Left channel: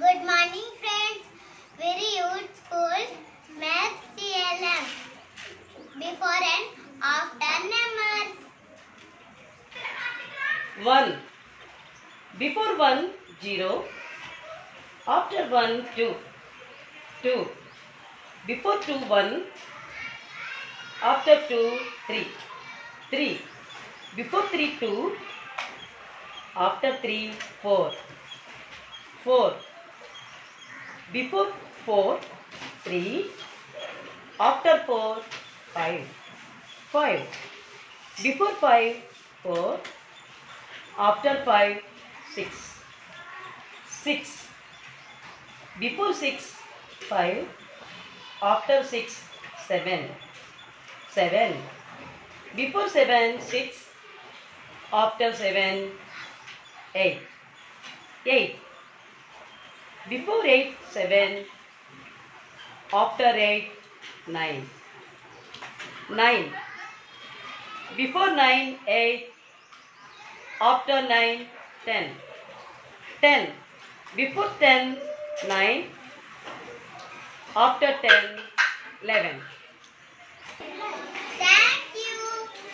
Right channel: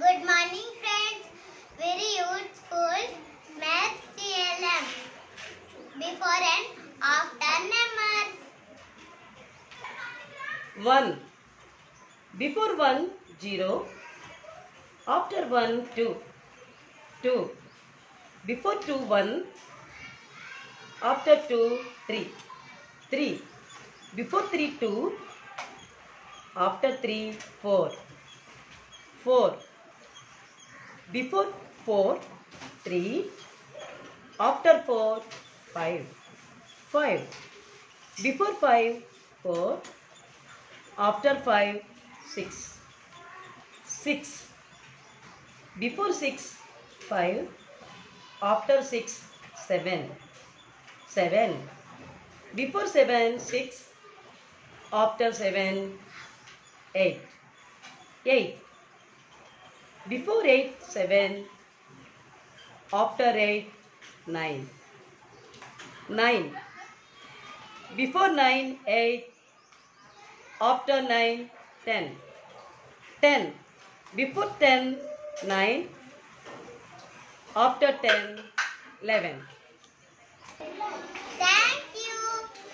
Good morning, friends. Very useful maths CLM. Before and after numbers. 1. Before 1, 0. After 1, 2. 2. Before 2, 1. After 2, 3. 3. Before 3, 2. After 3, 4. 4. Before 4, 3. After 4, 5. 5. Before 5, 4. After 5, 6. 6. Before 6, 5. After 6, 7. 7. Before 7, 6. After 7, 8. 8. Before 8, 7. After 8, 9. 9. Before 9, 8. After 9, 10. 10. Before 10, 9. After 10, 11. Thank